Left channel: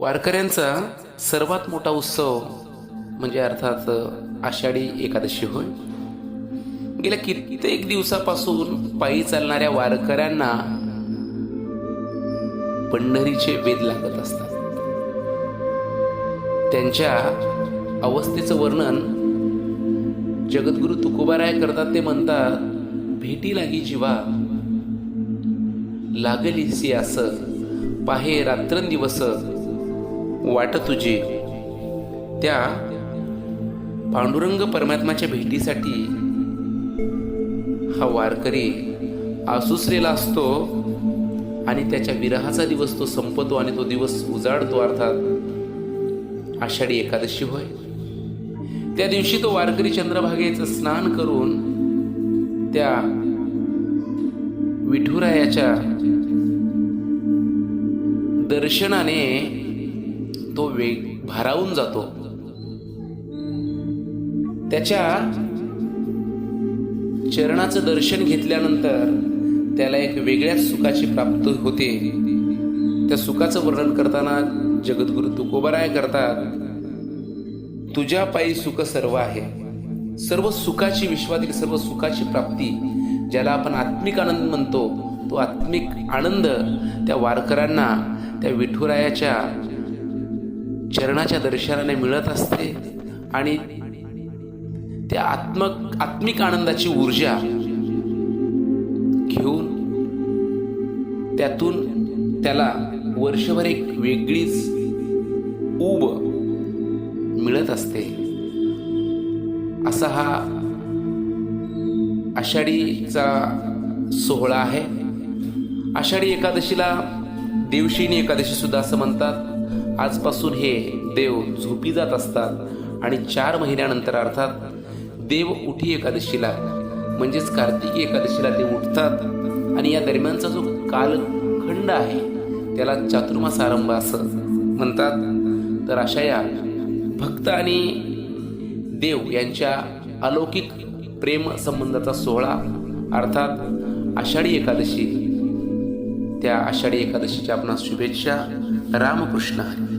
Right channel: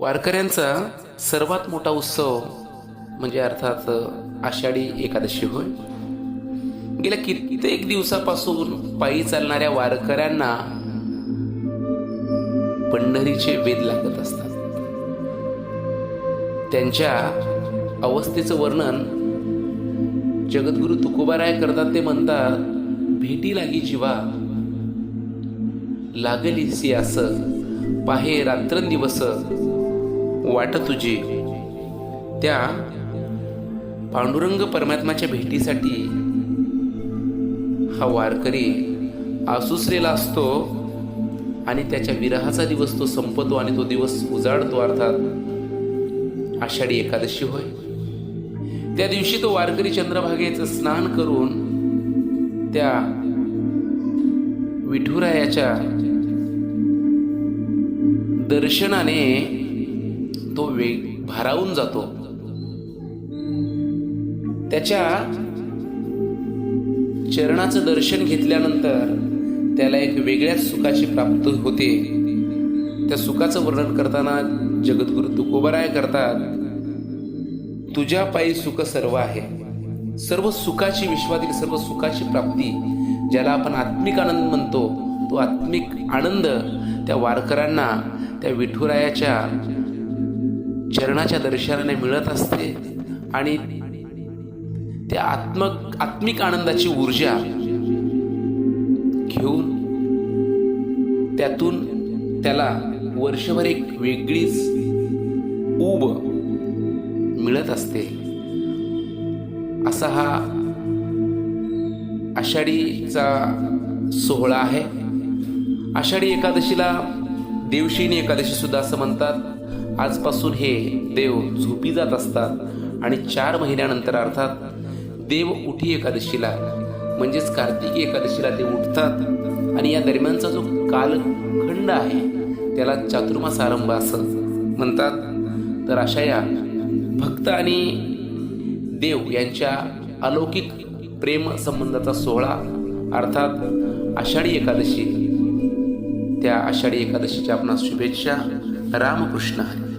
वारकऱ्यांचा सर्वात मोठा उत्सव म्हणजे अर्थात आषाढी एकादशी होय. गेल्या कित्येक दिवसापासून पायी चालणाऱ्या वारकऱ्यांना पंढरीचे वेद लागत असतात. त्यांच्या अवस्थेचं वर्णन जगद्गुरु तुकोबाराय करतात ते म्हणतात भेटी लागी जीवा लागलीसी असं पाहे रात्रंदिवस वाट तुझी. त्या पांडुरंग परमात्माच्या भेटीसाठी हा वारकरी आसुसरेला असतो आणि त्याच्या विरहाचा दिवस तो संपतो आणि तो दिवस उजाडतो अर्थात आषाढी एकादशी होय. त्या दिवशी तो वारकरी चंद्रभागेचं स्नान करून त्या विठुरायाच्या दर्शनाने तो वेग भारावून जातो. त्याच्या चरणाचं दर्शन घेतल्यानंतर त्याला एक वेगळ्याच सुखाची प्राप्ती होते. त्या सुखाचं वर्णन करताना जगद्गुरु तुकोबराय करतात तुझ्या पायी सुख सर्व आहे. सर्व सुखाची विश्वातील सर्व सुखाची प्राप्ती ज्याला आपण आत्मिक आनंद म्हणतो तो आत्मिक आनंद त्या वारकऱ्यांना त्या विठुरायाच्या चरणाच्या दर्शनाने मिळत असते आणि त्या आत्मक आत्मिक आनंदाची ऊर्जा घेऊन त्यातून त्याला वर्षभर एक वेगळीच ऊब मिळत असते. असा हा आषाढीचा सोहळा आहे. आषाढी एकादशीला देवशिनी एकादशी सुद्धा असं म्हणतात. आजपासून हे देव झोपी जात असतात आणि चार महिन्यानंतर अर्थात देव उठी एकादशीला म्हणजेच कार्तिकी एकादशीला ते उठतात. आणि या दरम्यानचा जो कालखंड आहे त्याला चातुर्मास आरंभ असं म्हणतात. तर अशा या भक्त आणि देव यांच्या अलौकिक प्रेम संबंधाचा सोहळा अर्थात आषाढी एकादशी त्या आषाढी एकादशीच्या आपणास शुभेच्छा. रामकृष्ण हरी.